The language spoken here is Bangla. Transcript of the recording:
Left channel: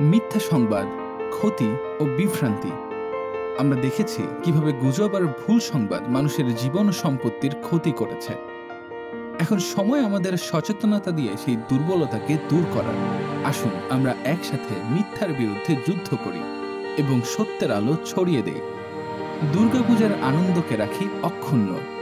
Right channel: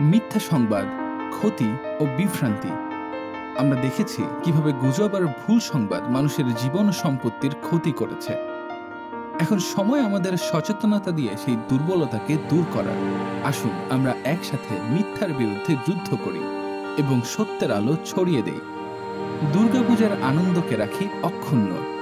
মিথ্যা সংবাদ, ক্ষতি ও বিভ্রান্তি। আমরা দেখেছি কিভাবে গুজব আর ভুল সংবাদ মানুষের জীবন ও সম্পত্তির ক্ষতি করেছে। এখন সময় আমাদের সচেতনতা দিয়ে সেই দুর্বলতাকে দূর করার। আসুন আমরা একসাথে মিথ্যার বিরুদ্ধে যুদ্ধ করি এবং সত্যের আলো ছড়িয়ে দেই। দুর্গাপূজার আনন্দকে রাখি অক্ষুণ্ণ।